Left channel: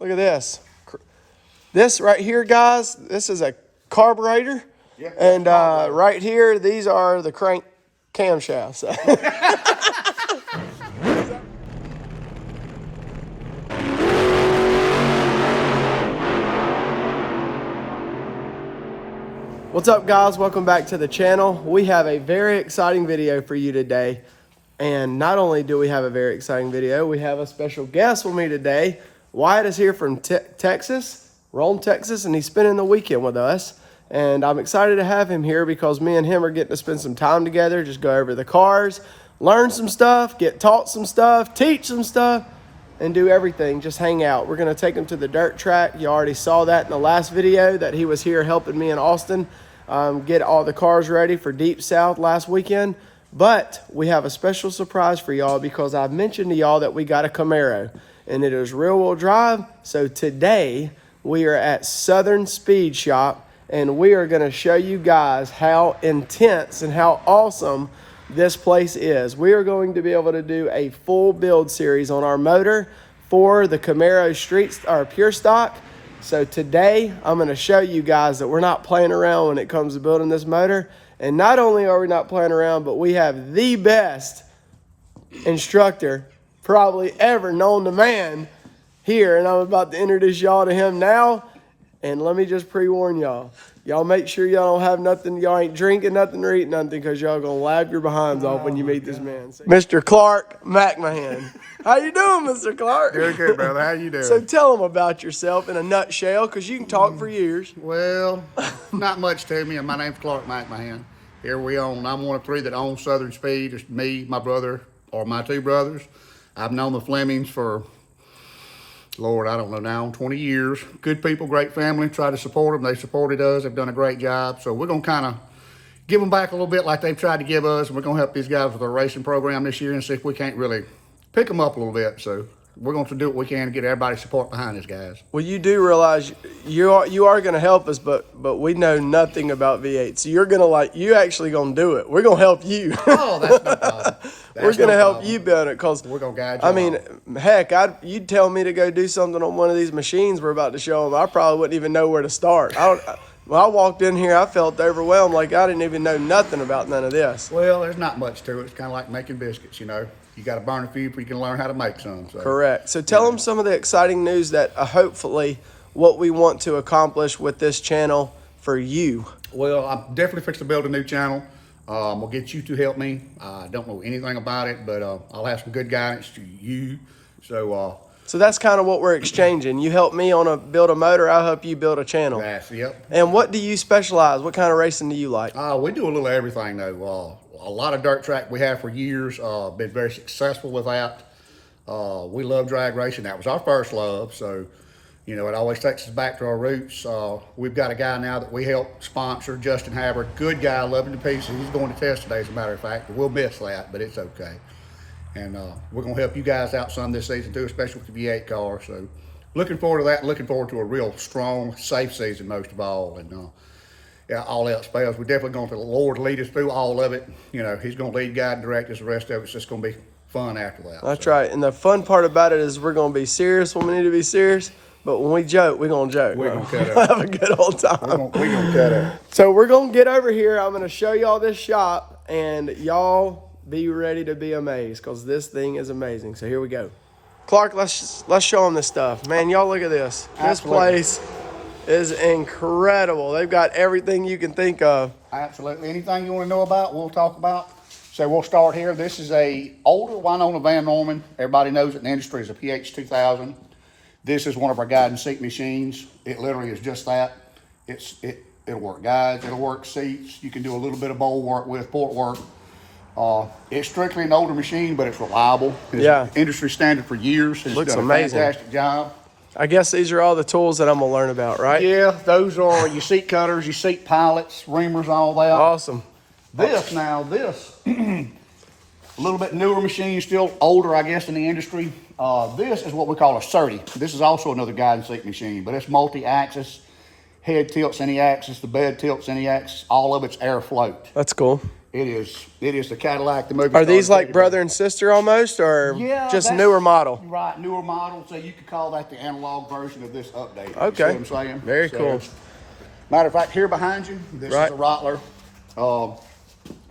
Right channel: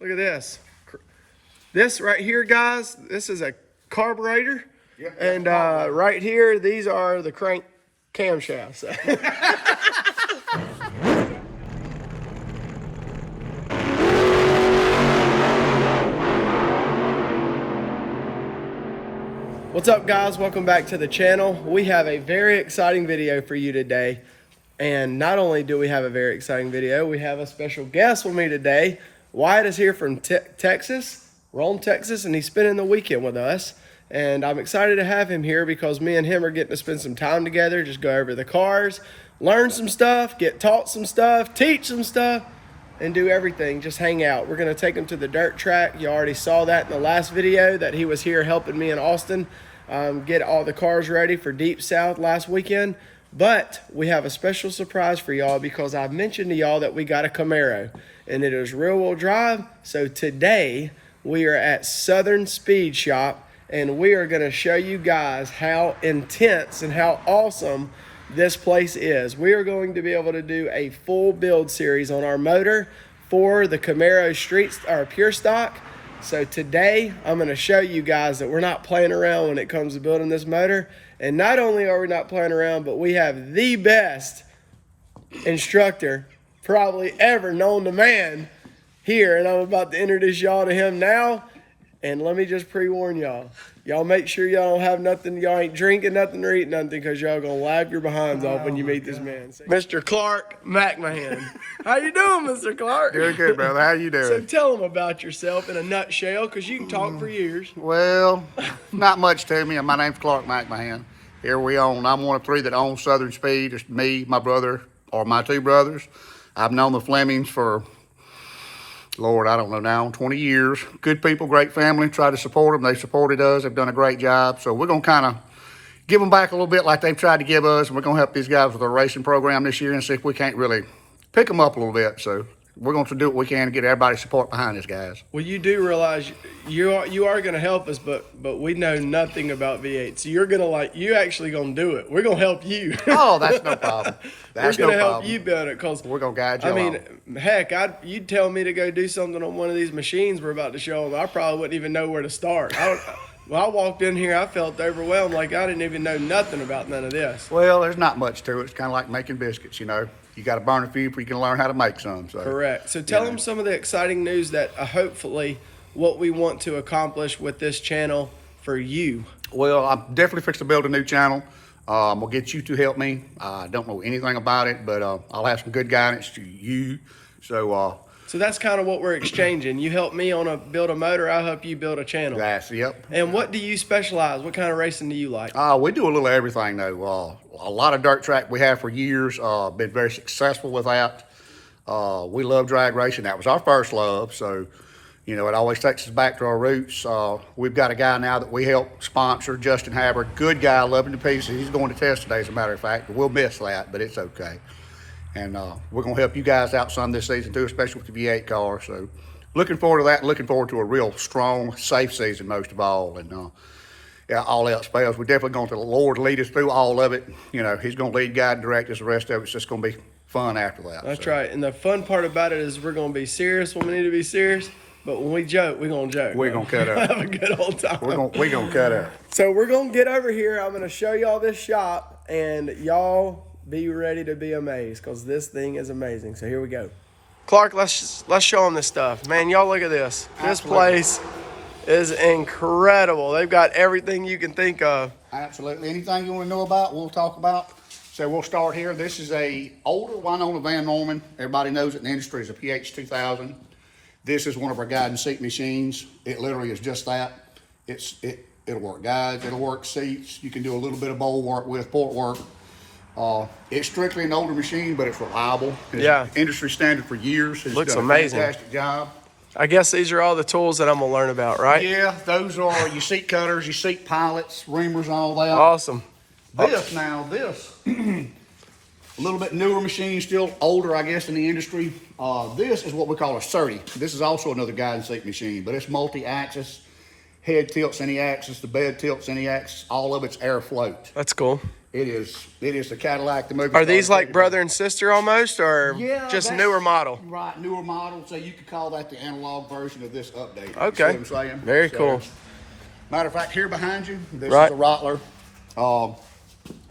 Look at this. This right here, guys, this is a carburetor. Yep. And right here, these are the crank camshafts. What's up, guys? Welcome back to the channel. We have a very exciting video for you today. And not only do we have a very exciting video, we have a special guest with me today. Wyatt is here from Texas, Rome, Texas, and he's spending the weekend with us. And I'm excited to have him here because me and him are getting to spend some time together, just go over the cars, learn some stuff, get taught some stuff, teach some stuff, and do everything, just hang out. We're gonna take him to the dirt track. You already saw that in the last video that he was here helping me in Austin get all the cars ready for Deep South last weekend. But we have a special surprise for y'all because I've mentioned to y'all that we got a Camaro and it is rear wheel drive. So today we are at Southern Speed Shop and we are gonna show you guys how intense and how awesome this place is. We are going to be able to do a full build series on our motor for the Camaro Street or Pure Stock. So today I'm going to show you guys that we're not playing around when it comes to building this motor. And not only are we not playing around, but we have the best instructor probably ever known to man here. And I'm about to introduce y'all to him now. And let me just pre-warn y'all. Y'all make sure y'all don't have nothing, y'all ain't drinking nothing or eating nothing because y'all gonna laugh your behinds off when you meet this man. Mr. Clark McMahon. How you doing, Mr. Clark? Doing good, brother. How you doing? So tell them about yourself in a nutshell because you can talk for years. Well, not much to me. My name's Clark McMahon. Here we own, I'm one of three that own Southern Speed. It's me, my brother, or my two brothers. I've known the Flemings for, Lord, I don't know now, 20 years. Good people, great family. Try to support them. They supported us. They've done a great job. So we're going to kind of give them back a little bit like they've tried to give us. And we're going to help these guys with our racing program this year and see if we can't really pick them up a little bit. So we're going to do what we can to get everybody's support behind these guys. Well, you do realize you are going to help us, but we know nothing about V8. So you're going to you actually going to do it. We're going to help you. Oh, that's no problem. We're going to help you build it because we're going to guide you. I mean, heck, you'd tell me to go do something on one of these machines we're about to show them. I probably wouldn't even know where to start. When I walked in here, I felt overwhelmed, like I didn't even know nothing about none of this. Well, there's not much to it. It's kind of like making biscuits, you know. You got to burn a few before you can learn how to make some. So. Correct. So tell them some of the exciting news that hopefully what we want to accomplish with this channel for you. Well, I'm definitely fixing to build a new channel. We'll get you to help me. I don't know anything about it, but I'll have some good guidance to you. So that's kind of what we're exchanging. You help me build a motor, I'll help you build a channel. Yep. And what do you specialize? What kind of racing do you like? We do a little of everything though. A lot of dirt track we have for years. Been very successful with that. We love drag racing. That was our first love. So, you know, it always takes us back to our roots. We've got a guy now that we help sponsor, Justin Haber. Good guy, loving to pieces. He's going to test today, as a matter of fact. We'll miss that, but it's okay. And we're going to help you guys out some this season too, especially with the V8 car. So looking forward to that. Looking forward to a real strong, safe season most of all. And yeah, all else fails, we're definitely going to the Lord lead us through all of it. You know, he's going to lead, guide, and direct us. The rest of it's just going to be fun after that. That's right. And the fun part about it is we're going to be serious when we need to be serious. But when we joke, we're going to joke. We're going to cut up. Have a good old time. We're going to cut up. So we're going to get over here. I'm going to show y'all this shop. And y'all be ready to be amazed because this thing is amazing. So here we go. Clark, let's show them this stuff. Man, y'all look at this. Absolutely. This place is incredible. They've got everything you can think of. Absolutely. Anything you want to know about, we'll talk about. So we'll start here. This is a older Winona Van Norman. Everybody knows it in the industry is a PH 2000. This is one of our guide and seat machines. It literally is just that. It'll work guides, it'll work seats. You can do a little bit of bowl work with port work. It's strictly an older machine, but it's reliable. It's industry standard for years. It's looks done amazing. A fantastic job. I guess these are all the tools that I'm gonna learn about, right? Yeah, those are your seat cutters, your seat pilots, reamers, all that. Awesome. This, a little bit newer machine, still older, I guess, in the industry. This is what we call a 30. This is also another guide and seat machine, but it's multi-axis. Head tilts any axis, the bed tilts any axis. All of it's air float. That's cool. It is the Cadillac, the movie. Are these like brother and sister almost, or Yeah, just that's newer model? Right, newer model. So you could call that the analog version of this update. Okay. You see what I'm saying? Very So, cool. Matter of fact, here behind you, this Right. is a Rottler.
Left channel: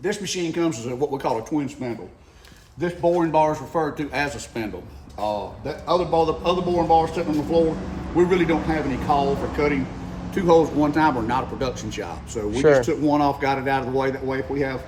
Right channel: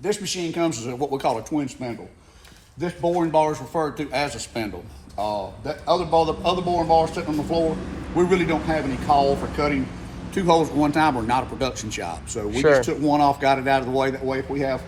This machine comes as what we call a twin spindle. This boring bar is referred to as a spindle. That other boring bars sitting on the floor, we really don't have any call for cutting two holes at one time. We're not a production shop. So we just took one off, got it out of the way. That way, if we have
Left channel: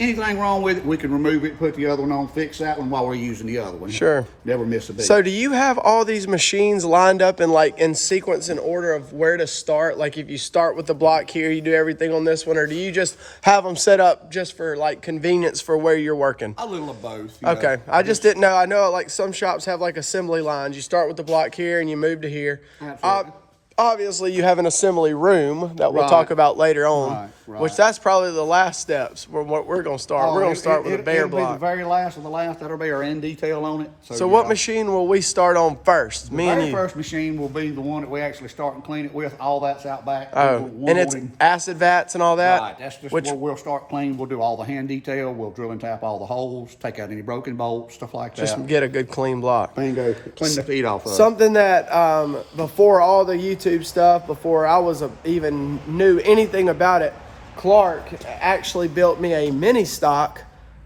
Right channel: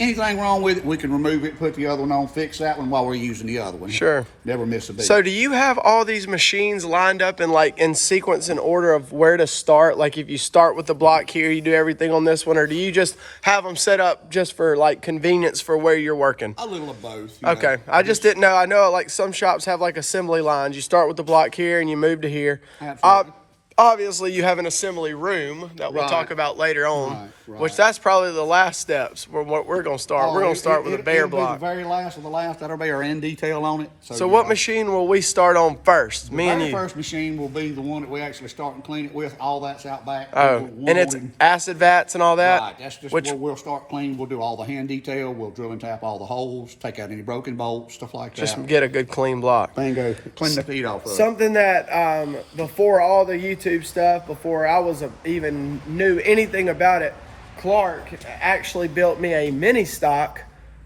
anything wrong with it, we can remove it, put the other one on, fix that one while we're using the other one. Sure. Never miss a beat. So do you have all these machines lined up in sequence in order of where to start? Like if you start with the block here, you do everything on this one, or do you just have them set up just for like convenience for where you're working? A little of both. Okay. I just didn't know. I know like some shops have like assembly lines. You start with the block here and you move to here. Absolutely. Obviously, you have an assembly room that we'll talk about later on, which that's probably the last steps where what we're going to start. We're going to start with a bare block. The very last of the last, that'll be our end detail on it. So what machine will we start on first? Me and you. The very first machine will be the one that we actually start and clean it with. All that's out back. Oh, and it's acid vats and all that? Right, that's just where we'll start cleaning. We'll do all the hand detail. We'll drill and tap all the holes, take out any broken bolts, stuff like that. Just get a good clean block. Bingo. Clean the feet off of Something that before all the YouTube stuff, before I was even knew anything about it, Clark actually built me a mini stock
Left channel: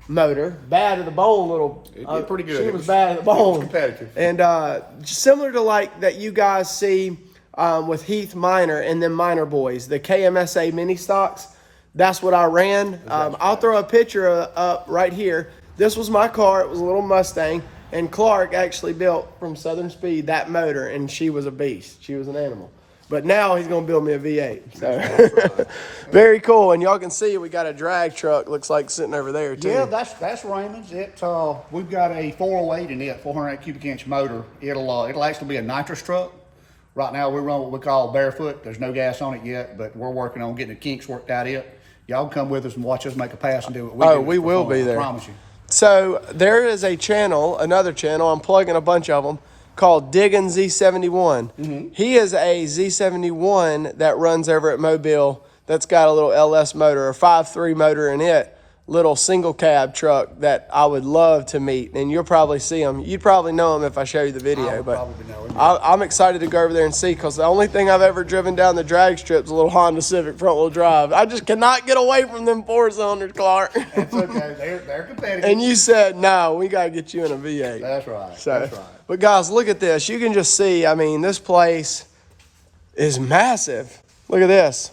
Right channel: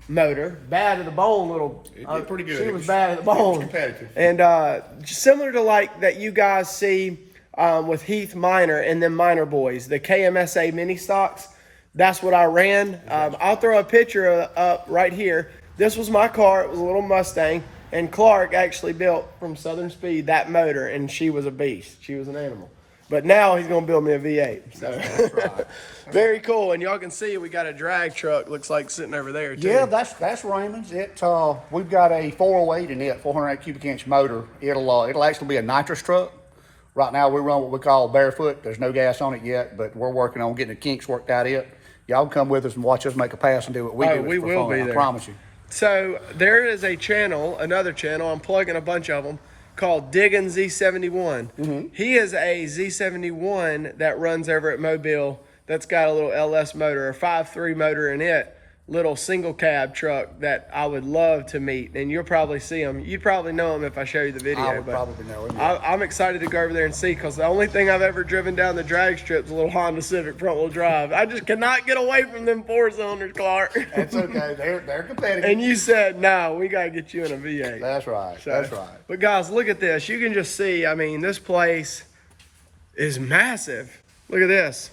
motor, bad to the bone little. Pretty good. She was bad at the bone. Competitive. And similar to like that you guys see with Heath Minor and them Minor boys, the KMSA mini stocks. That's what I ran. I'll throw a picture up right here. This was my car. It was a little Mustang. And Clark actually built from Southern Speed that motor, and she was a beast. She was an animal. But now he's going to build me a V8. So very cool. And y'all can see we got a drag truck, looks like, sitting over there, too. Yeah, that's Raymond's. We've got a 408 in it, 408 cubic inch motor. It'll actually be a nitrous truck. Right now we run what we call barefoot. There's no gas on it yet, but we're working on getting the kinks worked out it. Y'all can come with us and watch us make a pass and do what we do. Oh, we will be there. I promise you. So there is a channel, another channel, I'm plugging a bunch of them, called Diggin' Z71. Mm-hmm. He is a Z71 that runs over at Mobile that's got a little LS motor, a 5.3 motor in it, little single cab truck that I would love to meet. And you'll probably see him. You'd probably know him if I show you the video. I would probably know him. I'm excited to go over there and see, because the only thing I've ever driven down the drag strip is a little Honda Civic front-wheel drive. I just cannot get away from them four-cylinders, Clark. That's okay. They're competitive. And you said, no, we got to get you in a V8. That's right. So, that's right. But guys, look at this. You can just see, I mean, this place is massive. Look at this.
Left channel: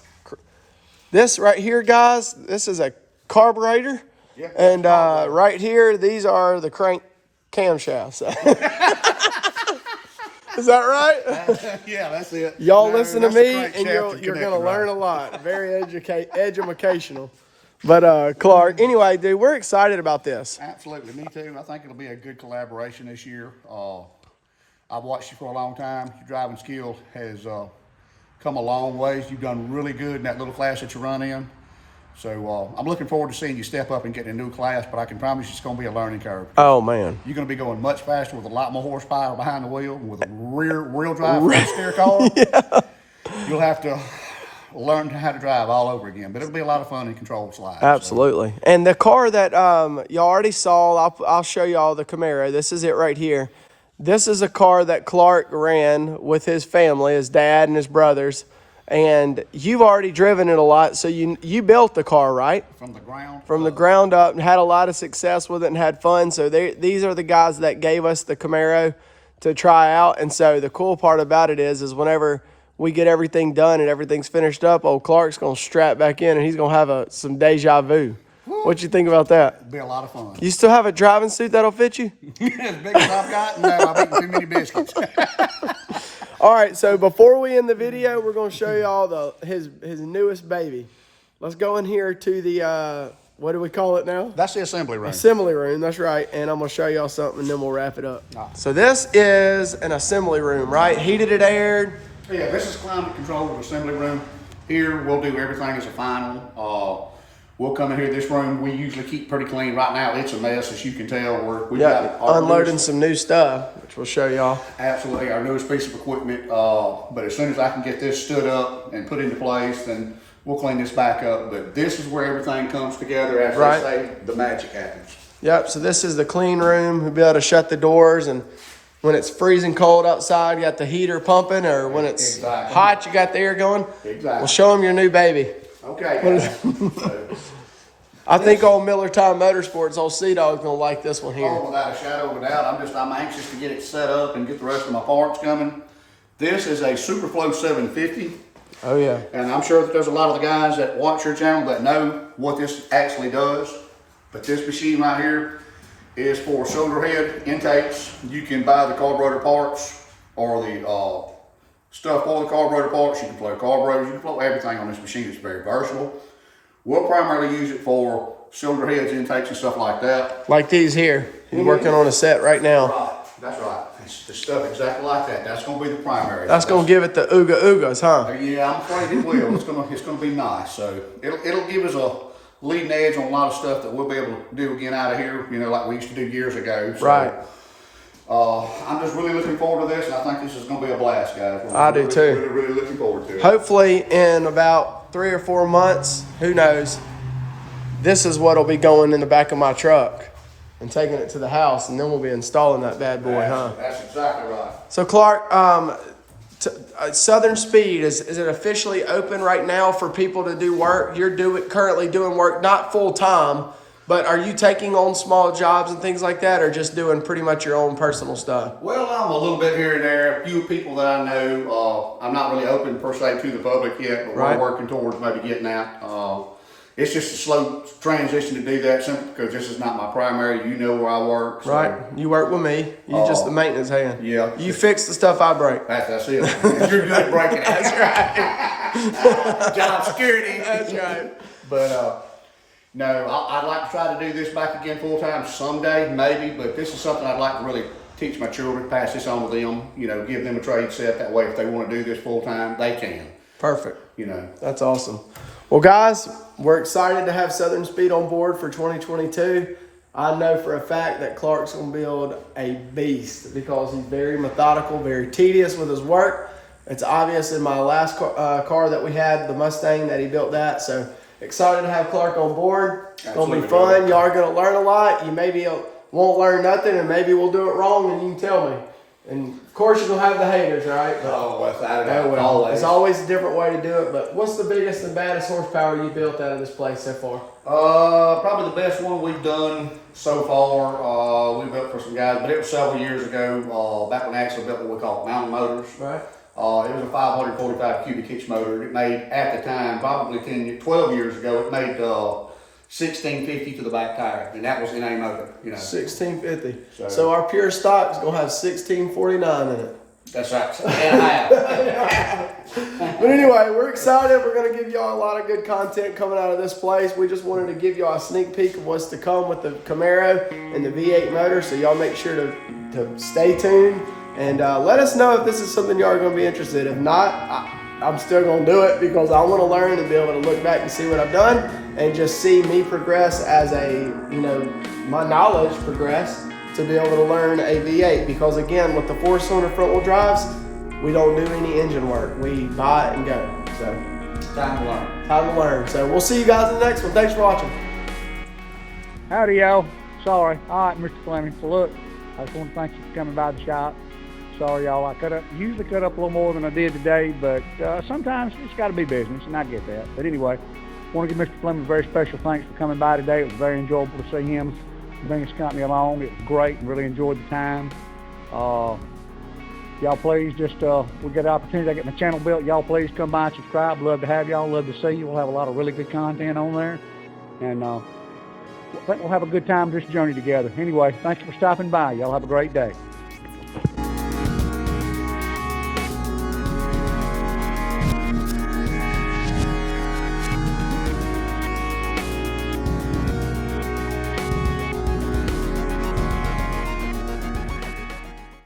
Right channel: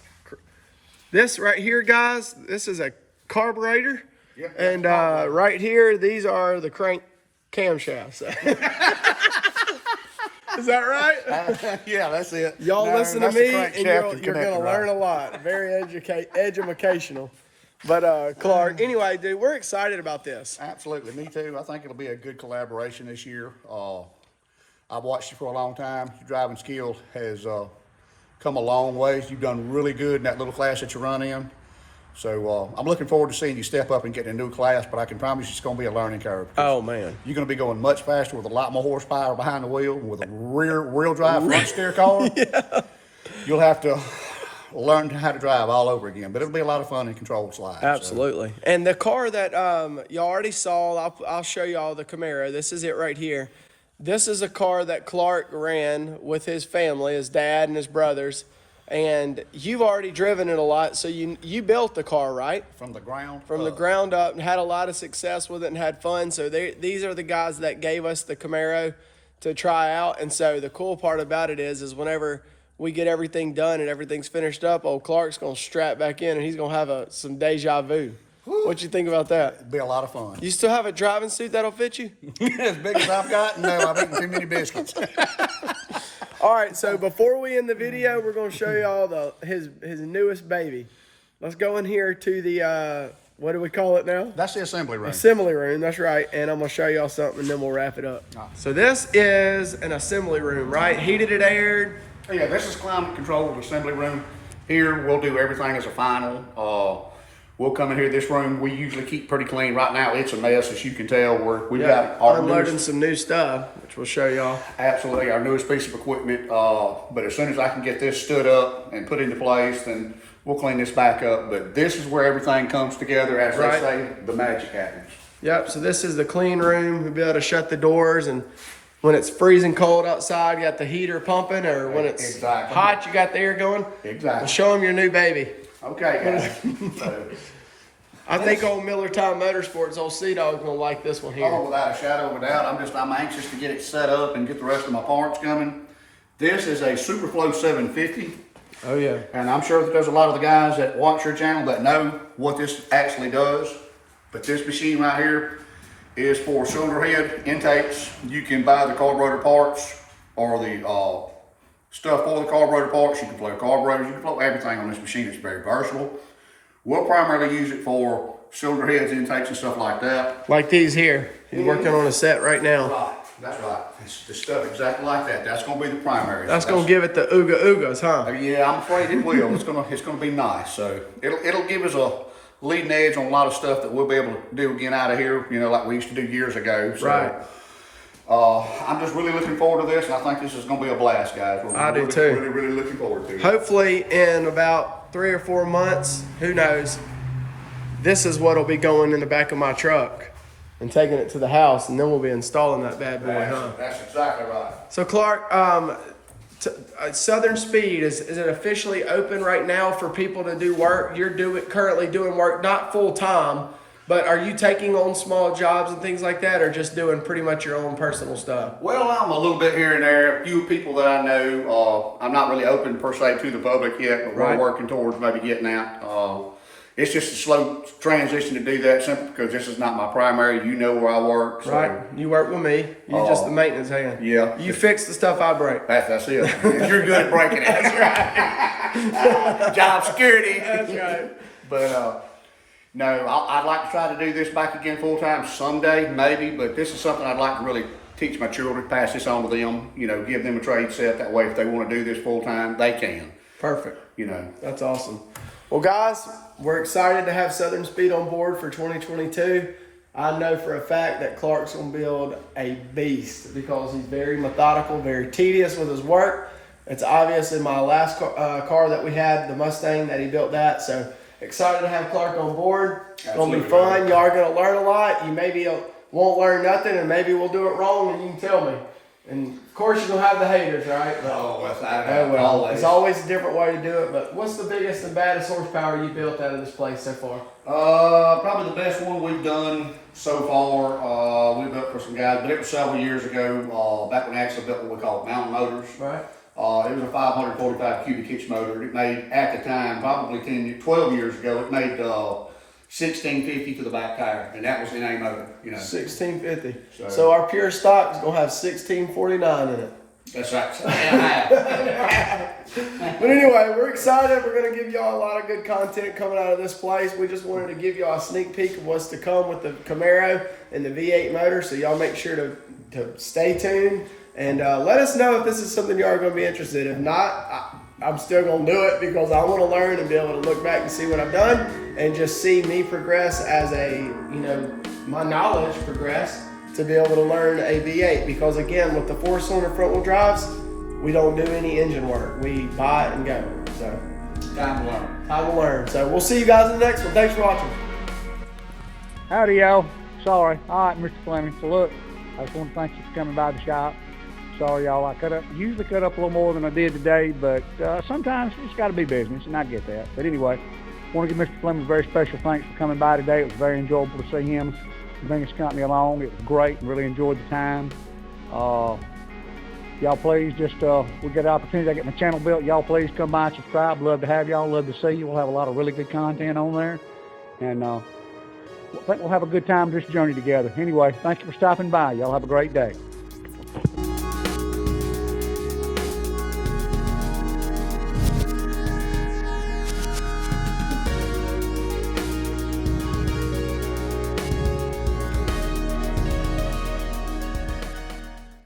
This right here, guys, this is a carburetor. Yep. And right here, these are the crank camshafts. Is that right? Yeah, that's it. Y'all listen to me, and you're going to learn a lot. Very educational. But Clark, anyway, dude, we're excited about this. Absolutely, me too. I think it'll be a good collaboration this year. I've watched you for a long time. Your driving skill has come a long ways. You've done really good in that little class that you run in. So I'm looking forward to seeing you step up and get in a new class, but I can promise you it's going to be a learning curve. Oh, man. You're going to be going much faster with a lot more horsepower behind the wheel, with a rear-wheel drive front steer car. Yeah. You'll have to learn how to drive all over again, but it'll be a lot of fun in controlled slides. Absolutely. So. And the car that y'all already saw, I'll show y'all the Camaro. This is it right here. This is a car that Clark ran with his family, his dad and his brothers. And you've already driven it a lot, so you built the car, right? From the ground the ground up, and had a lot of success with it and had fun. So these are the guys that gave us the Camaro to try out. And so the cool part about it is whenever we get everything done and everything's finished up, old Clark's going to strap back in, and he's going to have some deja vu. What you think about that? It'll be a lot of fun. You still have a driving suit that'll fit you? As big as I've got? No, I've eaten too many biscuits. All right, so before we end the video, we're going to show y'all his newest baby. Let's go in here to the, what do we call it now? That's the assembly room. Assembly room, that's right. And I'm going to show y'all something, and then we'll wrap it up. Oh. So this is an assembly room, right? Heated and aired. Yeah, this is climate controlled assembly room. Here, we'll do everything as a final. We'll come in here. This room we usually keep pretty clean. Right now, it's a mess, as you can tell. We've got unloading some new stuff, which we'll show y'all. Absolutely, our newest piece of equipment. But as soon as I can get this stood up and put into place, then we'll clean this back up. But this is where everything comes together. As Right. they say, the magic happens. Yep, so this is the clean room. We'll be able to shut the doors, and when it's freezing cold outside, you got the heater pumping, or when it's Exactly. hot, you got the air going. Exactly. Well, show them your new baby. Okay, guys. So, I think old Miller Time Motorsports, old Sea Dog's gonna like this one here. oh, without a shadow of a doubt, I'm anxious to get it set up and get the rest of my parts coming. This is a Superflow 750. Oh yeah. And I'm sure that there's a lot of the guys that watch your channel that know what this actually does. But this machine right here is for cylinder head intakes. You can buy the carburetor parts or the stuff for the carburetor parts. You can flow carburetors, you can flow everything on this machine. It's very versatile. We'll primarily use it for cylinder heads, intakes, and stuff like that. Like these here. He's working on a set right now. Right, that's right. It's the stuff exactly like that. That's going to be the primary. That's gonna give it the ooga oogas, huh? Yeah, I'm afraid it will. It's gonna be nice. So it'll give us a leading edge on a lot of stuff that we'll be able to do again out of here. You know, like we used to do years ago. So, Right. I'm just really looking forward to this, and I think this is gonna be a blast, guys. I do too. Really looking forward to it. Hopefully in about 3 or 4 months, who knows, this is what'll be going in the back of my truck and taking it to the house, and then we'll be installing that bad boy, huh? That's exactly right. So Clark, Southern Speed, is it officially open right now for people to do work? You're currently doing work, not full time, but are you taking on small jobs and things like that, or just doing pretty much your own personal stuff? Well, I'm a little bit here and there. A few people that I know, I'm not really open per se to the public yet, but Right. we're working towards maybe getting out. It's just a slow transition to do that simply because this is not my primary. You know where I work. So, Right, you work with me. You just the maintenance hand. yeah. You fix the stuff I break. That's it. You're good at breaking it. That's right. Job security. That's right. But no, I'd like to try to do this back again full time someday, maybe. But this is something I'd like to really teach my children, pass this on to them. You know, give them a trade set. That way, if they want to do this full time, they can. Perfect. You know. That's awesome. Well, guys, we're excited to have Southern Speed on board for 2022. I know for a fact that Clark's going to build a beast because he's very methodical, very tedious with his work. It's obvious in my last car that we had, the Mustang, that he built that. So excited to have Clark on board. It's going to be fun. Y'all are going to learn a lot. You maybe won't learn nothing, and maybe we'll do it wrong, and you can tell me. And of course, you're going to have the haters, right? But, well, it's always a different way to do it. But what's the biggest and baddest horsepower you built out of this place so far? Probably the best one we've done so far. We built for some guys, but it was several years ago. Back when Axel built what we call mountain motors. Right. It was a 545 cubic inch motor. It made, at the time, probably 12 years ago, it made 1650 to the back tire, and that was in a motor. You know, 1650. So our pure stock is gonna have 1649 in it. that's right. And a half. But anyway, we're excited. We're gonna give y'all a lot of good content coming out of this place. We just wanted to give y'all a sneak peek of what's to come with the Camaro and the V8 motor. So y'all make sure to stay tuned and let us know if this is something y'all are gonna be interested. If not, I'm still gonna do it because I want to learn and be able to look back and see what I've done and just see me progress as my knowledge progress to be able to learn a V8. Because again, with the 4-cylinder front wheel drives, we don't do any engine work. We buy it and go. So Time to learn. time to learn. So we'll see you guys in the next one. Thanks for watching. Howdy, y'all. Sorry. All right, Mr. Fleming. So look, I just want to thank you for coming by the shop. Sorry, y'all. I usually cut up a little more than I did today, but sometimes it's got to be business, and I get that. But anyway, I want to give Mr. Fleming a very special thanks for coming by today. It was very enjoyable to see him bring his company along. It was great and really enjoyed the time. Y'all please just, we get an opportunity to get my channel built. Y'all please come by and subscribe. Love to have y'all. Love to see you. We'll have a lot of really good content on there. And I think we'll have a good time this journey together. Anyway, thank you for stopping by. Y'all have a great day.